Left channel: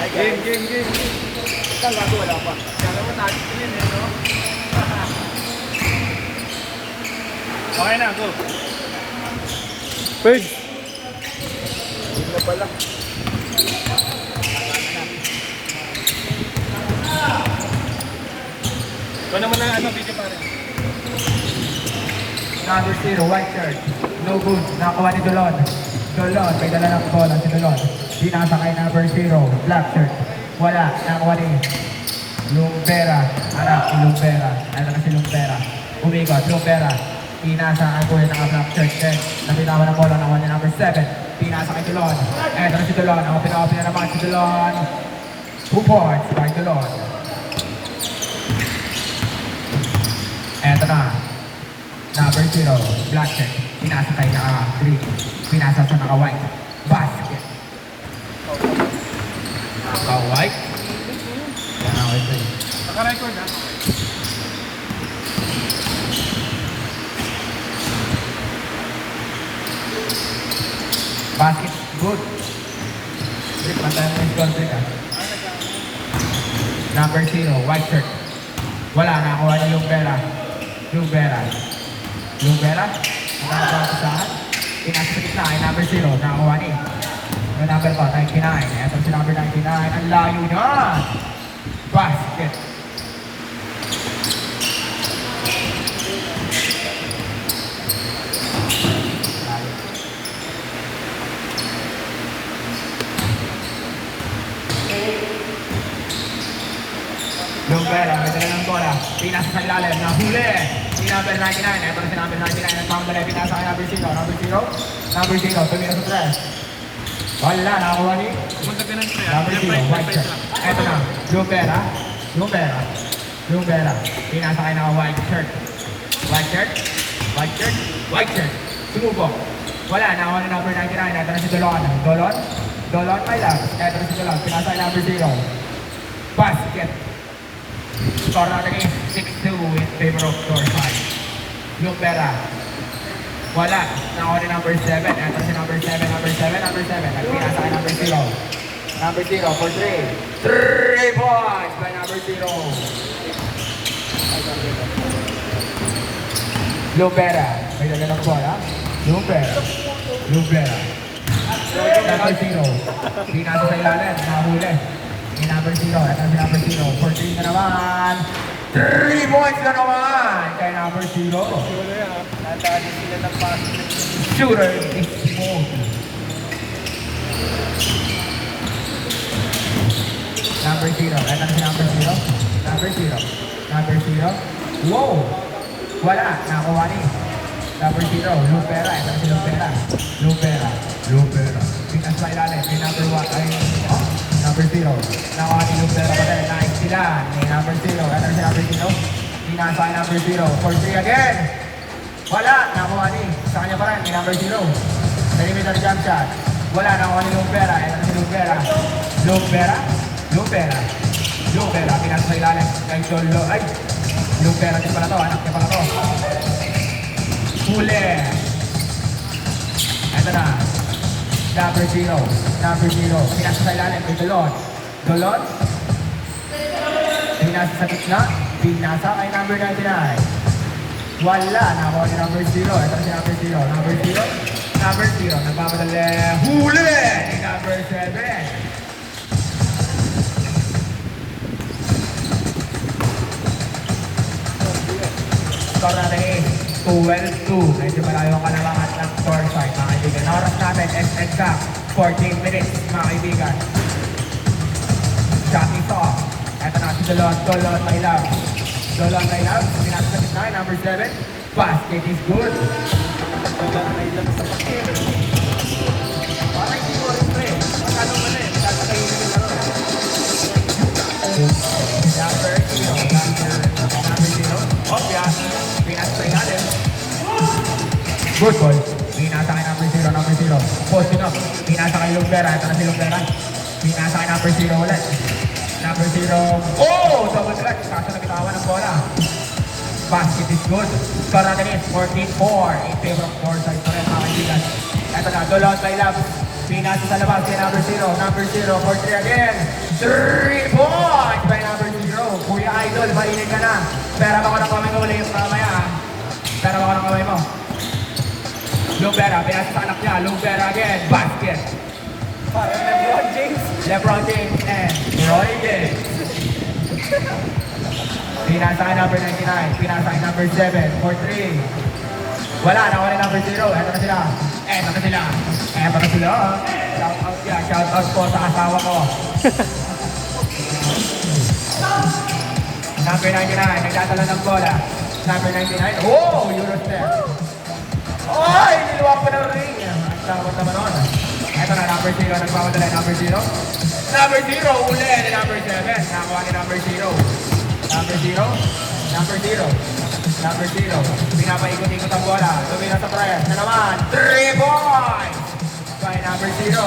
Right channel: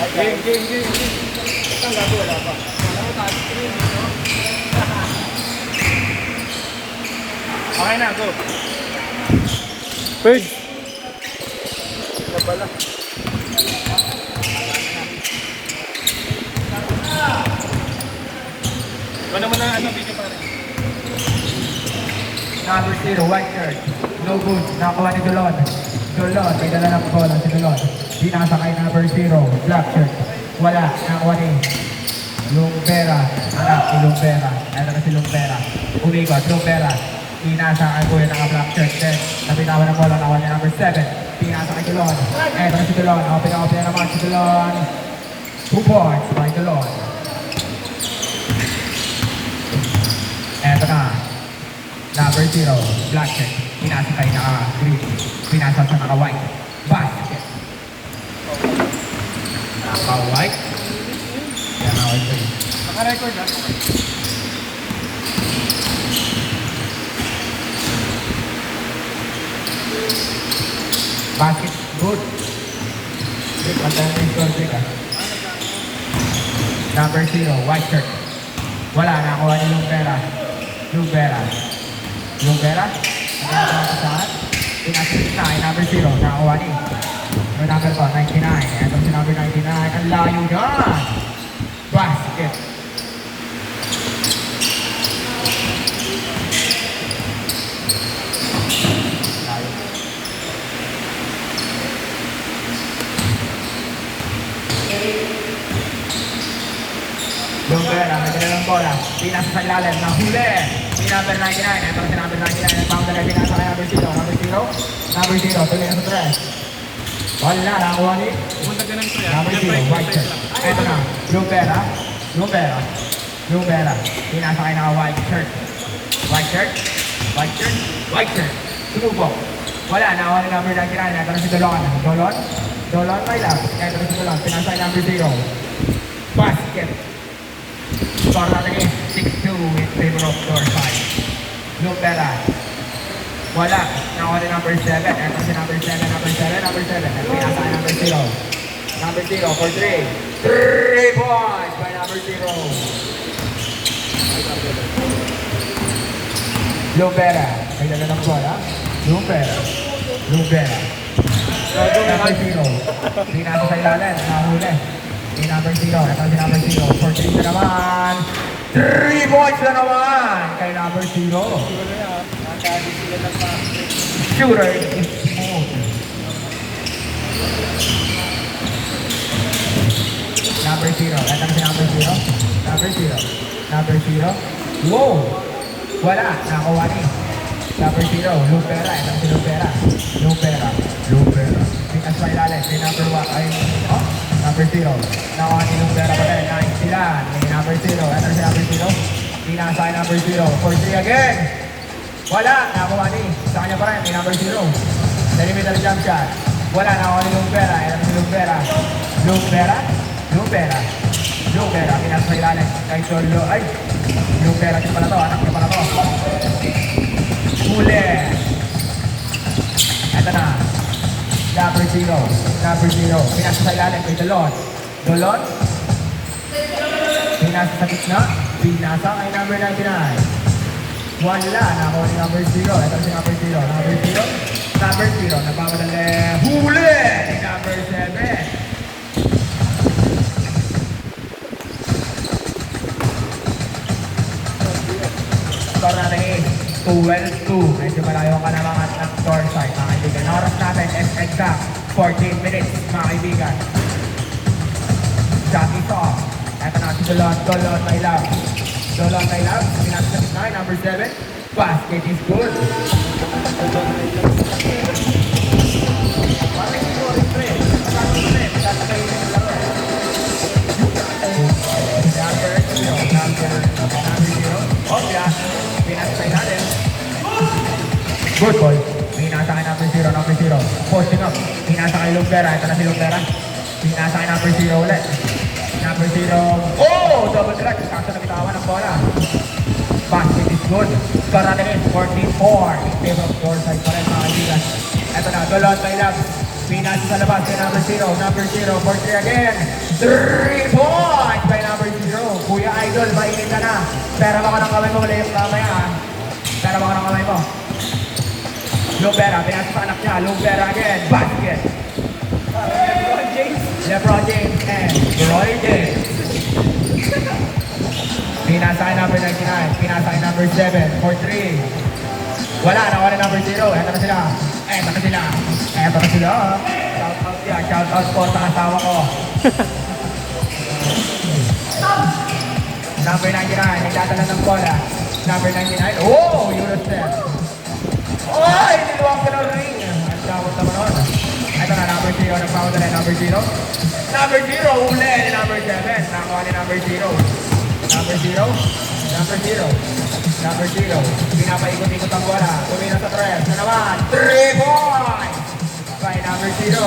Game, game, game. Ikaw gago, wala pa. Kaya mo tayo screen, no? Okay na, go. Bird. Hindi na pala. Wala mo na ano, video pa rin. Number 0, white shirt. No good. Nakakuha ni Dulon. Dulon, may dala ng bola si Dulon. Di nakasakay number 0, black shirt. Wala. Nakakuha ni Lumpera. Anak, si Lumpera. Ano na si Lumpera. Umikot, Lumpera. Inasakay ko yung naka-black shirt. Then, nabitawan ng bola. Nakakuha niya number 7. Di nakasakay Dulon. Eto na si Dulon. Open na naman si Dulon. 2 points by Dulon. Eto na. Number 0, black shirt. Pinasakay na green. Pinasal sa naka-white. Basket. Naka-white. Naka-white ba yun? Naka-record na. Basket, good. Okay, pantayan mo yung score break ah. Number 0, white shirt. Wala, nakakuha ni Lumpera. Lumpera. Lumpera. Nakakuha sa saan? Pinasakit na kay number 0. Nakakuha ni. Yung number ko, 99. Ito si number 99. Ang layo na. Basket. Lumpera, may dala ng bola. Pinasa sa ilalim. Nahuli. Si number 99. Ito si number 99. Ang dala pinasa kay number 0. Number 0. Number 0. Tumina sa 3. Wala. Nakakuha ni. Punta ka ng pre. Number 0. White shirt. Ito na. Lumpera. Lumpera. Lumpera. Pinasa kay naka-white shirt. White shirt. White shirt. White shirt. Sinubok. Wala. Nakakuha ni number 99. Ito na si Dolon. Dolon. Dolon, my love. Ito na si Dolon. Pinasa kay number 0. Basket. Score natin is 6-2 in favor of Dorsal. Lumpera. Wala. Nakuha rin number 7. Ito si number 7. Number 7. Number 7. Nagpinasa kay number 0. Number 0 for 3. 3 points by number 0. Lumpera. May dala ng bola. Lumpera. Lumpera. Number 0. Pinasa sa ilalim. Nahuli. Ni number 0. Ito si number 0. For 3 na naman. 3 points na naman kay number 0. Shooter is smooth. Number 0. Ito si number 0. Number 0. Number 0. Wow! Wala. Nakuha ni. Number 0. Lumpera. Ito si Lumpera. Lumpera. Lumpera. Pinas sa ilalim. May number 1. Ay, oh. Number 0. Nakuha ni Lumpera. Nice sila. May number 0. Ito si number 0. Pinasa kay number 0. For 3 again. Wala. Nakuha ni. Sa kanya pa rin. May number 0. Perimeter jump shot. Wala. Nakuha ni Lumpera. Ito si Lumpera. Lumpera. Lumpera. Lumpera. Pinasa sa ilalim. Kay Solo. Ay. Lumpera. Siya pala to. Anak niya pala to. Huli. Ito na. Number 0. Number 0. Pinasa sa ilalim kay Dolon. Dolon. Pinasa sa gitna. Pinasa kay number 99. Wala. Nakuha ni number 0. Ito si number 0. Number 0. Number 0. Nagmamadali. Huli! Ni number 7. Score natin is 12-2. Medyo malayo ka na lahat ng score side, mga kaibigan. Oras natin is exact 14 minutes, mga kaibigan. Shot is off. Ito na si Dolon. Dolon, my love. Dolon, my love. Pinasa sa 9, number 7. Basket is good. Good ball. Pinasa kay number 0, number 0. Posting up. Pinasa kay Lumpera. Ito na si Lumpera. Pinasa kay number 0 ulit. Number 0. Oh! Double threat. Kaso nabitawan ng bola. Basket is good. Score natin is 14-4. In favor of Dorsal pa rin, mga kaibigan. Ito na. Dolon by Lab. Pinasa sa labas kay number 0. Number 0 for 3 again. 3 points by number 0. Kuya Idol, mainit ka na. Pera mo ka ng kamay mo ulit mamaya. Pera mo ka ng kamay mo. Lubera, pinasa sa anak niya. Lubera again. Basket. LeBron James and Roy James. Pinasa kay number 99. Pinasa kay number 7 for 3. Wala, nakuha ni number 0. Eto na sila. Eto na sila. Eto na sila. Shout out yan. Shout out po sa kasawa ko. Number 99. Nagdadala ng bola. Number 99. Oh! Eurostep. Oy! Niluwag ko ng ring. Ang tawag naman nun. Eto na, number 0. Nagpapadala number 0. Number 0. Uli ni number 7. Nakuha ni number 0. Number 0. Number 0. Number 0. Pinapaikot-ikot ang bola. Tumira sa press. Na naman. 3 points! By number 0.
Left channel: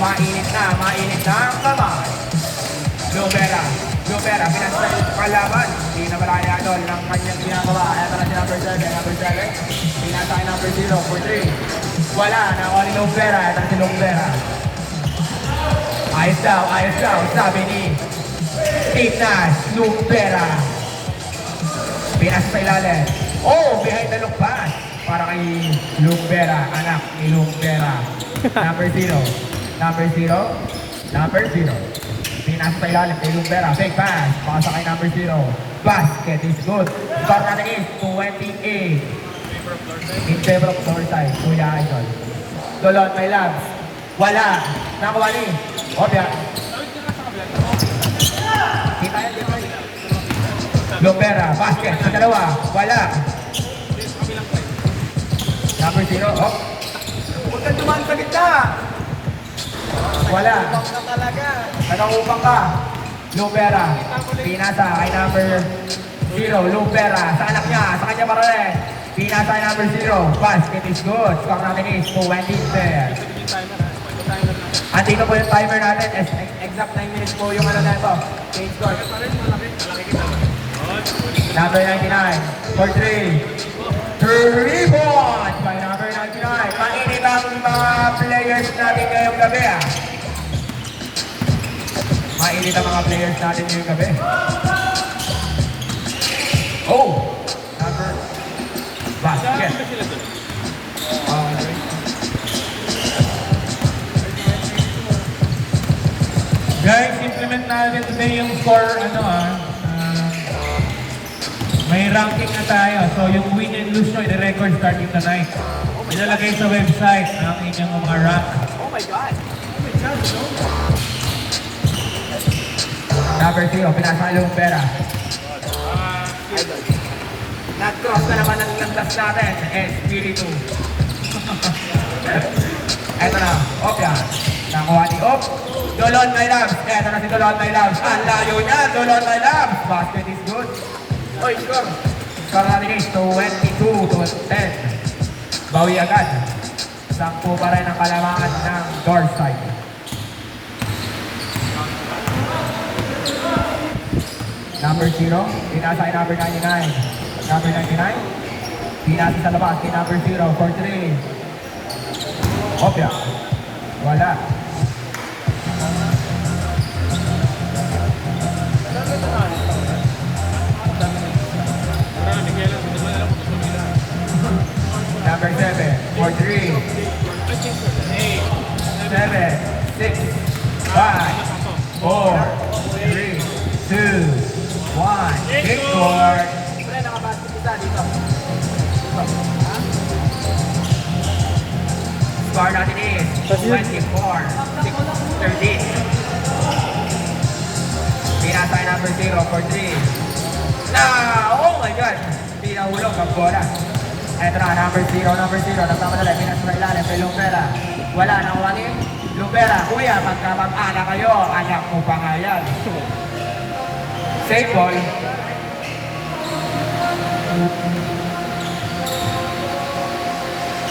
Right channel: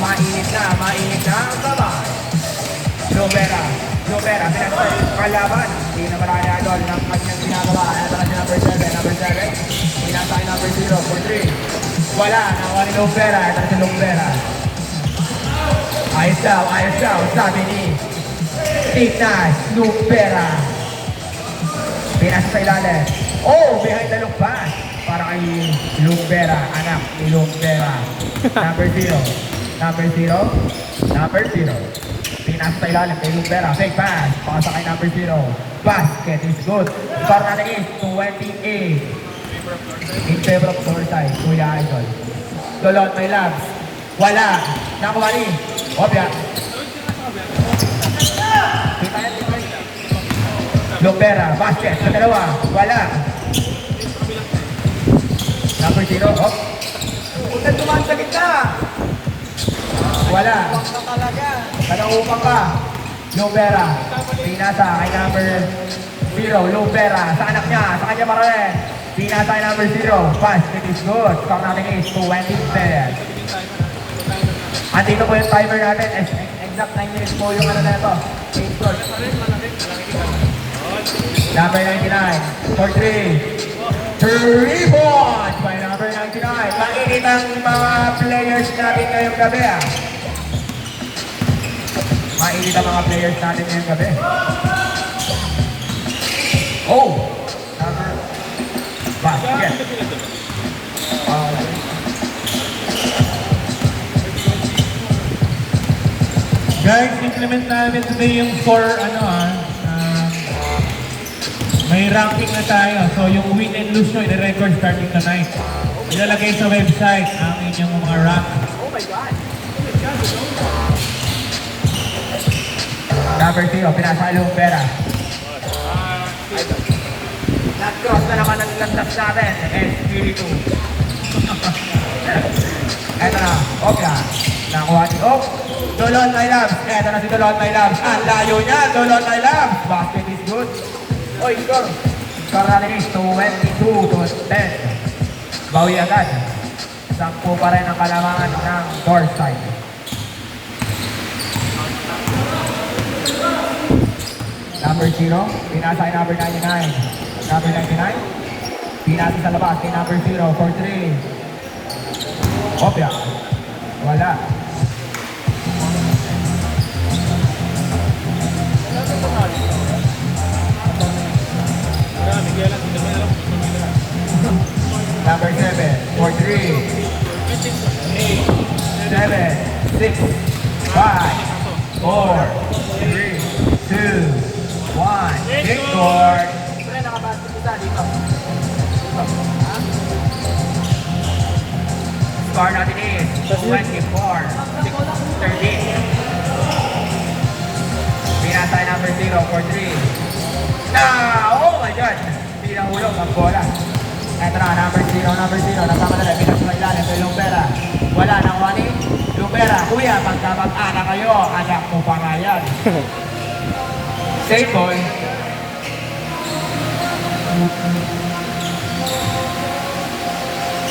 Mainit na ang kamay. Lubera. Lubera. Pinasa kalaban. Hindi na marayado ng kanyang ginagawa. Ito na si number 7. Number 7. Pinasa kay number 0 for 3. Wala. Nakuha ni Lubera. Ito na si Lubera. Ayos daw. Ayos daw. Sabi ni Ignas Lubera. Pinasa sa ilalim. Oh, behind the look pass. Para kay Lubera, anak ni Lubera. Number 0. Number 0. Number 0. Pinasa sa ilalim kay Lubera. Fake pass. Pasa kay number 0. Basket is good. Para na is 28. In favor of Northside. Kuya Idol. Dolon, may labs. Wala. Nakuha ni. Obya. Lubera, basket, sa dalawa, wala. Number 0, oh. Huwag ka dumaan sa gitna. Wala. Talaga. Nag-upang ka. Lubera, pinasa kay number 0, Lubera, sa anak niya, sa kanya pa rin. Pinasa kay number 0, basket is good. Score natin is 20 Andito po yung timer natin, exact 9 minutes po yung ano na ito. 8 scores. Number 99 for 3. 3 points by number 99. Mainit ang mga players natin ngayong gabi. Mainit ang mga players natin ngayong gabi. Oh! Number... Basket. Guys, implement namin today yung score, may ranking na tayo. So yung win and lose nyo, i-record starting tonight. Ilalagay sa website ang inyong mga rank. Oh my God. Number 0, pinasa kay Lubera. Nag-cross na naman ang landas natin. SPD2. Eto na, Opya. Nakuha ni Op. Dolon kay Labs. Eto na si Dolon kay Labs. Ang layo niya, Dolon kay Labs. Basket is good. Oy, score. Score natin is 22-10. Bawi agad. 10 pa rin ang kalamangan ng Northside. Number 0, pinasa kay number 99. Number 99, pinasa sa labas kay number 0 for 3. Opya. Wala. Number 7 for 3. 7, 6, 5, 4, 3, 2, 1. Game score. Score natin is 24-13. Pinasa kay number 0 for 3. Oh my God! Hindi nahulog ang bola. Eto na, number 0. Nagkamadali, pinasa sa ilalim kay Lubera. Wala, nakuha ni Lubera. Kuya, magkamag-anak kayo. Anak mo pa nga yan. Safe boy.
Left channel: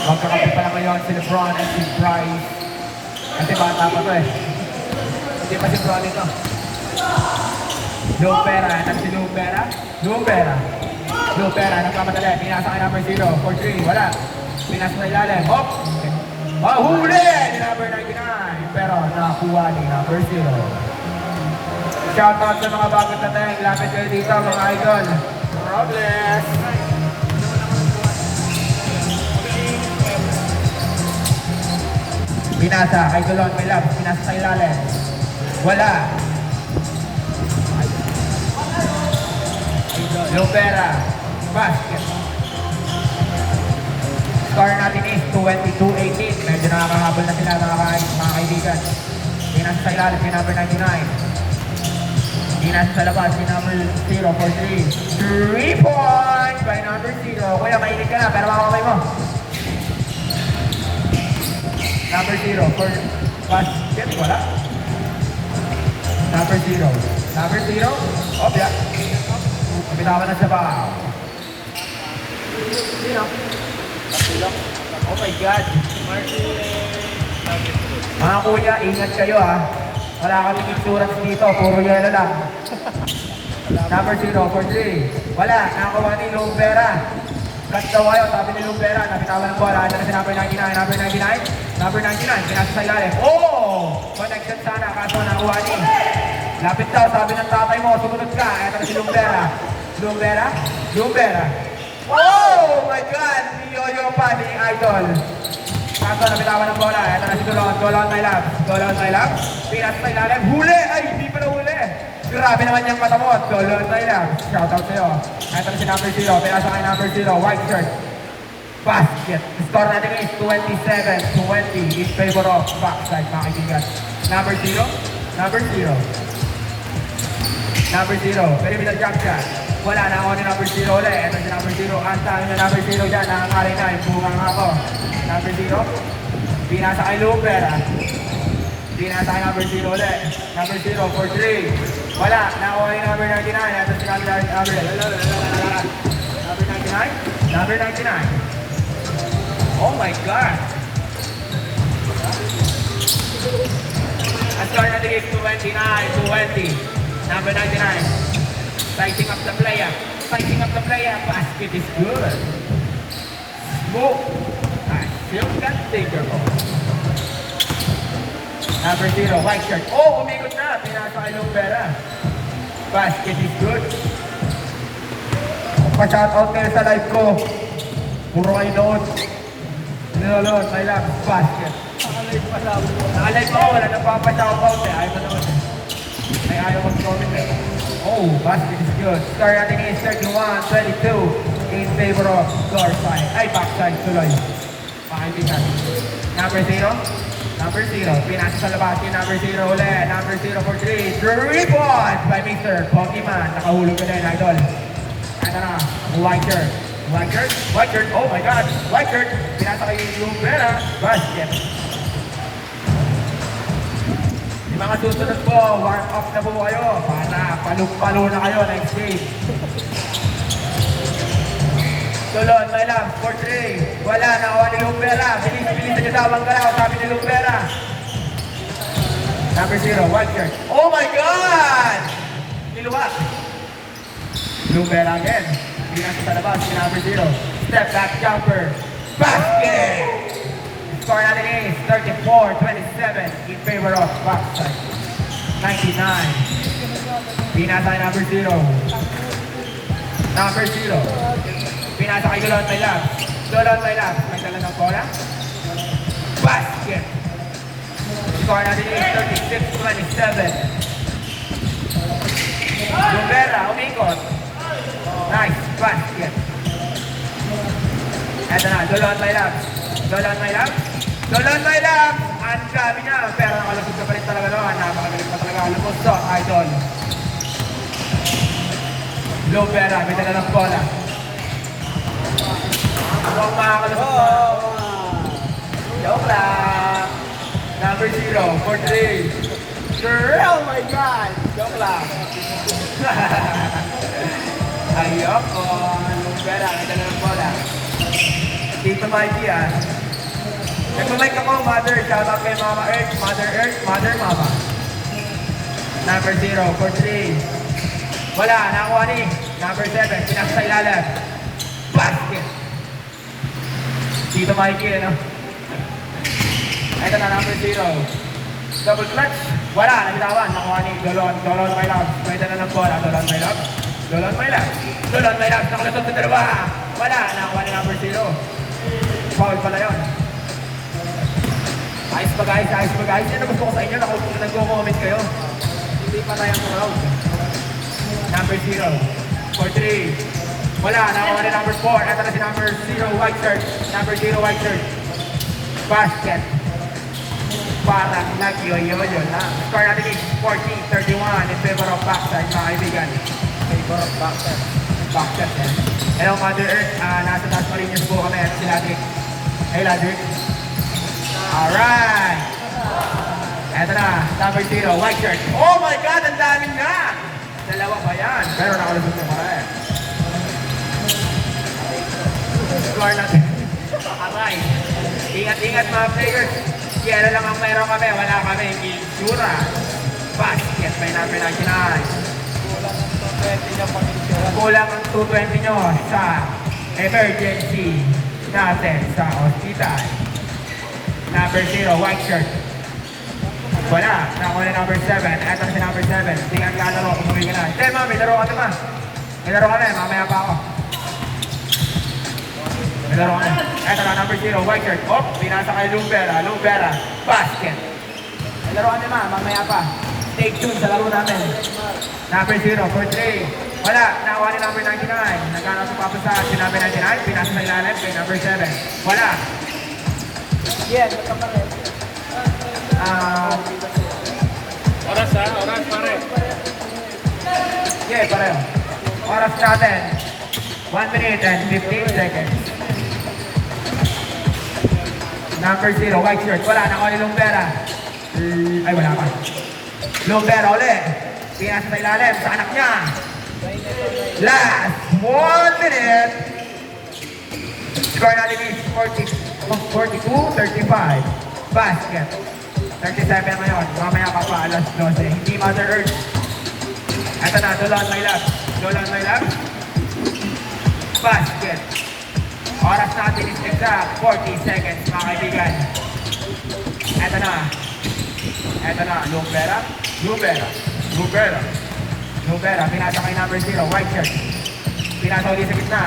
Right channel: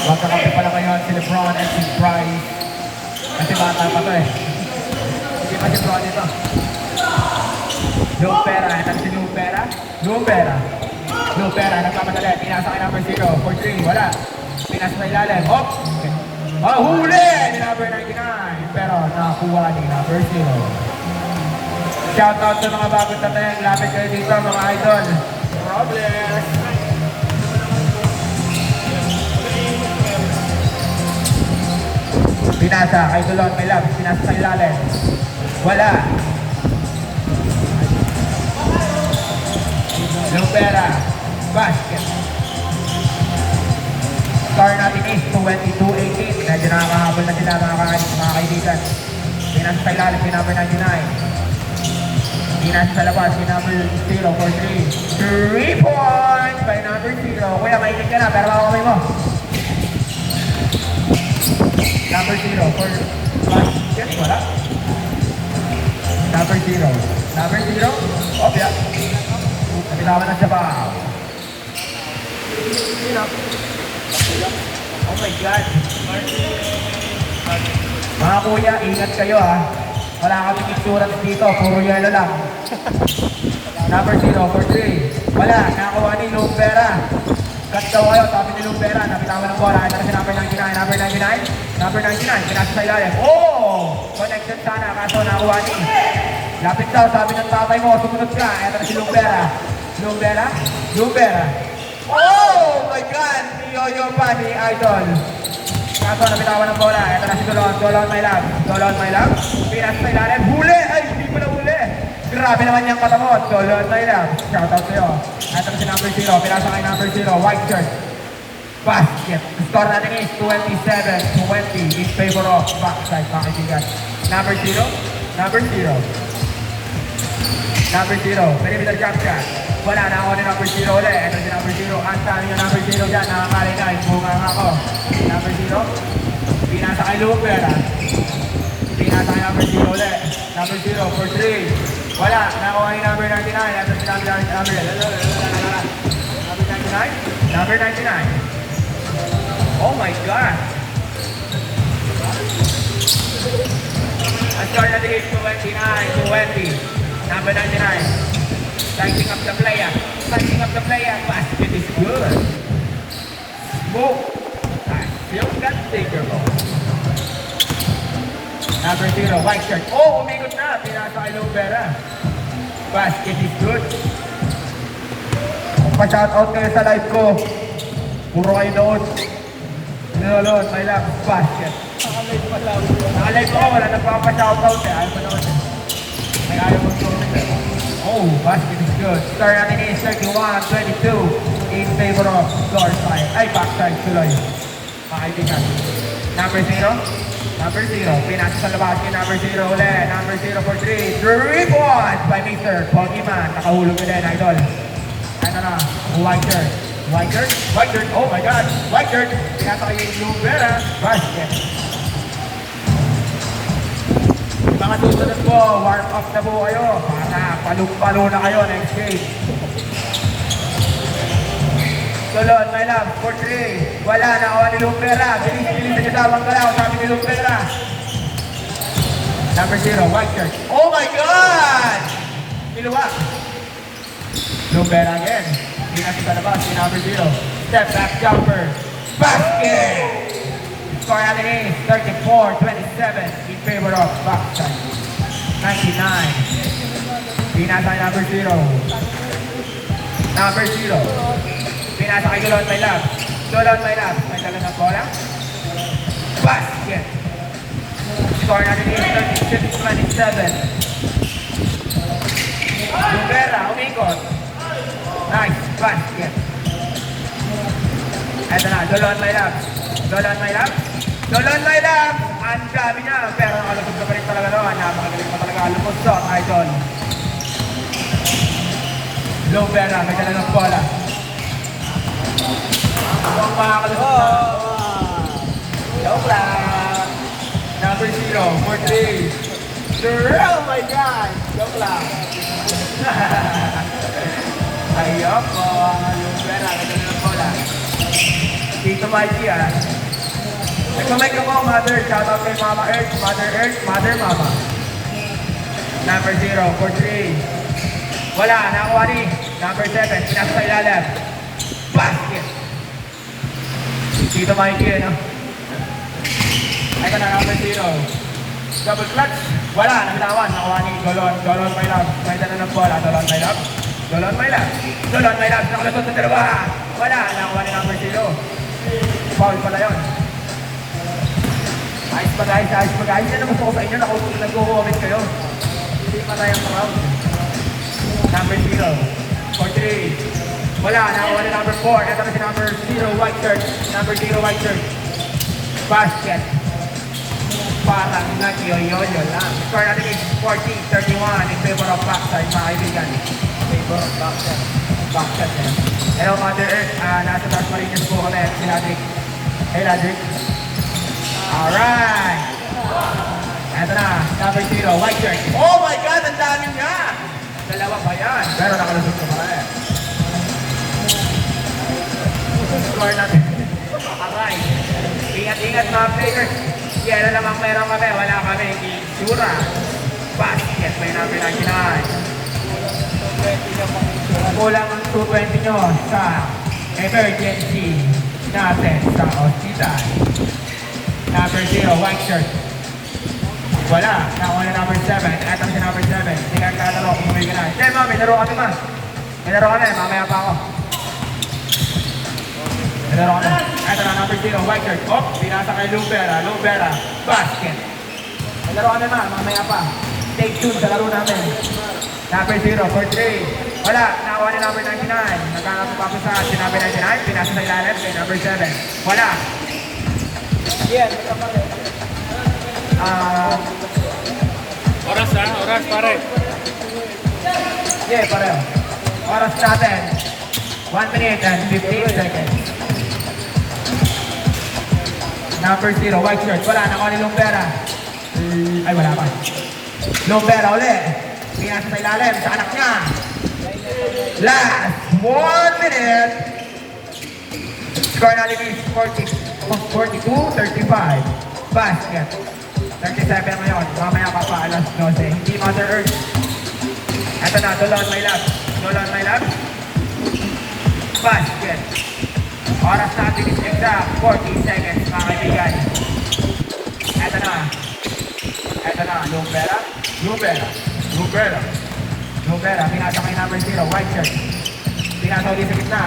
Magkakampi pala ngayon si Lebron and si Bryce. Kasi bata pa to eh. Hindi pa si Bron ito. Lubera, natin si Lubera. Lubera, nagkamadali. Pinasa kay number 0 for 3. Wala. Pinasa sa ilalim. Hop! Mahuli ni number 99, pero nakakuha ni number 0. Shoutout sa mga bagong tateng. Lapit kayo dito mga idol. Robles. Pinasa, kay Tulong, may love. Pinasa sa ilalim. Wala. Lupera. Basket. Score natin is 22-18. Medyo nakakahabol na sila mga kaibigan. Pinasa sa ilalim si number 99. Pinasa sa labas si number 0 for 3. 3 points by number 0. Kuya, mainit ka na. Pero mga kamay mo. Number 0 for basket. Wala. Number 0. Number 0. Opya. Pinawa na sa bahaw. Oh my God. Mga kuya, ingat kayo ha. Wala kaming insurance dito. Puro yelo lang. Number 0 for 3. Wala. Nakakuha ni Lumpera. Cut daw kayo. Sabi ni Lumpera. Napitawan ng bola. Ito na si number 99. Number 99. Number 99. Pinasa sa ilalim. Oh! Connection sana. Kaso nakakuha ni. Lapit daw. Sabi ng tatay mo. Sumunod ka. Ito na si Lumpera. Lumpera. Lumpera. Oh my God! Ni Yoyo pa ni Idol. Kaso napitawan ng bola. Ito na si Dolon. Dolon my love. Dolon my love. Pinasa sa ilalim. Huli! Ay! Hindi ko na huli. Grabe naman niyang katamot. Dolon my love. Shoutout sa'yo. Ito na si number 0. Pinasa kay number 0. White shirt. Basket. Score natin is 27-20 in favor of backside, mga kaibigan. Number 0. Number 0. Number 0. Perimeter jump shot. Wala na ako ni number 0 ulit. Ito si number 0. Asa nyo number 0 dyan. Nakakali na. Bunga nga ako. Number 0. Pinasa kay Luper. Pinasa kay number 0 ulit. Number 0 for 3. Wala. Nakuha ni number 99. Ito si number 99. Number 99. Oh my God. Ang score natin is 29-20. Number 99. Sizing up the player. Sizing up the player. Basket is good. Move. Still got taker. Number 0, white shirt. Oh, umikot na. Pinasa kay Lumpera. Basket is good. Pa-shoutout kayo sa live ko. Puro kayo noon. Ninolod, my love, basket. Nakalive ko, wala nagpapa-shoutout eh. Ayaw mo noon eh. Ay ayaw mag-comment eh. Oh, basket is good. Score natin is 31-22 in favor of floor side. Ay, backside tuloy. Makaibigan. Number 0. Number 0. Pinasa sa labas yung number 0 ulit. Number 0 for 3. 3 points by Mr. Pokemon. Nakahulog ulit, idol. Ito na. White shirt. White shirt. White shirt. Oh my God. White shirt. Pinasa kayo yung Lumpera. Basket. Yung mga susunod po, warm up na po kayo para palong-palo na kayo next game. Tulon, my love, for 3. Wala, nakawa ni Lumpera. Bilis-bilis niyo daw ang galaw, sabi ni Lumpera. Number 0, white shirt. Oh my God! Niluwa. Lumpera again. Pinasa sa labas, si number 0. Step back jumper. Basket! Score natin is 34-27 in favor of backside. 99. Pinasa kay number 0. Number 0. Pinasa kay Gulon Taylan. Gulon Taylan. Nagdala ng bola. Basket. Score natin is 36-27. Lumpera, umikot. Nice. Basket. Eto na, Gulon Taylan. Gulon Taylan. Gulon Taylan. Ang gabi niya. Pero nakalapit na pa rin talaga naman. Napakagalit na talaga lumos to, idol. Lumpera, may dala ng bola. Huwag makakalusot na. Joke lang. Number 0, for 3. Sure. Oh my God! Joke lang. Ayoko. Lumpera, may dala ng bola. Dito Mikey ah. Nagmamike ako, Mother. Shoutout kay Mama Earth, Mother Earth, Mother Mama. Number 0, for 3. Wala, nakuha ni. Number 7, pinasa sa ilalim. Basket. Dito Mikey, no? Ito na, number 0. Double clutch. Wala, nabitawan. Nakuha ni Dolon. Dolon, my love. Pwede na ng bola. Dolon, my love. Dolon, my love. Dolon, my love. Nakalusot sa dalawa. Wala, nakuha ni number 0. Foul pala yun. Ayos ba guys? Ayos ba guys? Yan ang gusto ko sa inyo. Nag-comment kayo. Hindi pa tayo ang round. Number 0. For 3. Wala, nakuha ni number 4. Ito na si number 0, white shirt. Number 0, white shirt. Basket. Parang nag-yoyo lang. Score natin is 40-31 in favor of backside sa kaibigan. Favor of backside. Backside eh. Hello Mother Earth, nasa Las Marinas po kami. Si Ladrick. Hey Ladrick. Alright. Eto na, number 0, white shirt. Oh my God, ang dami niya! Dalawa pa yan. Pero nakalusot na pa rin. Score natin. Alright. Ingat-ingat mga players. Yero lang ang meron kami. Wala kami. Sura. Basket. May number 99. Kulang ang 220 nyo sa emergency natin sa hospital. Number 0, white shirt. Wala. Nakuha na number 7. Ito na si number 7. Hindi ka kalaro. Umuwi ka na. Hindi, ma. May laro ka naman. May laro ka na. Mamaya pa ako. May laro ka na. Ito na number 0, white shirt. Oh, binasa kay Lumbera. Lumbera. Basket. May laro ka naman. Mamaya pa. Stay tuned sa laro namin. Number 0, for 3. Wala. Nakuha na number 99. Nagkakaroon pa sa si number 99. Binasa na ilalim kay number 7. Wala. Yeah, ito pa rin. Oras ha? Oras pare. Yeah, pareho. Oras natin. 1 minute and 15 seconds. Number 0, white shirt. Wala, nakuha ni Lumbera. Ay, wala pa. Lumbera uli. Pinasa sa ilalim sa anak niya. Last 1 minute. Score natin is 42-35. Basket. 37 ngayon. Mamaya pa pa alas 12. Hindi Mother Earth. Ito na, Dolon, my love. Dolon, my love. Basket. Oras natin is exact 40 seconds, mga kaibigan. Ito na. Ito na, Lumbera. Lumbera. Lumbera. Lumbera. Pinasa kay number 0, white shirt. Pinasa ulit sa gitna.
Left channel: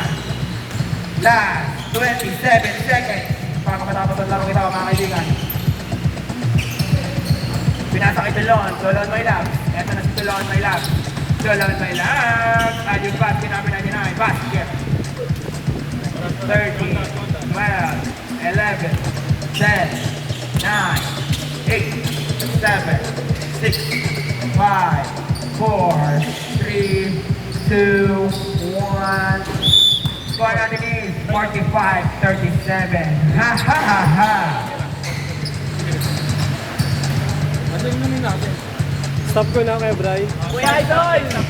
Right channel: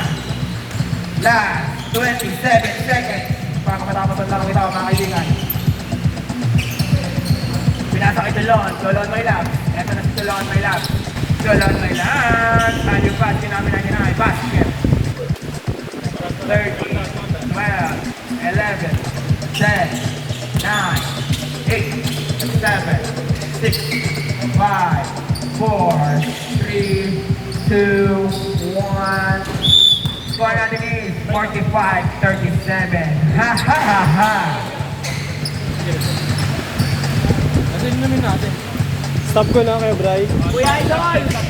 Last 27 seconds. Para matapos ang laro ito, mga kaibigan. Pinasa kay Dolon. Dolon, my love. Ito na si Dolon, my love. Dolon, my love. And yung basket namin na niya. Basket. 30, 12, 11, 10, 9, 8, 7, 6, 5, 4, 3, 2, 1. Score natin is 45-37. Ha ha ha ha! Stop ko na kay Bri. Kuya Idol!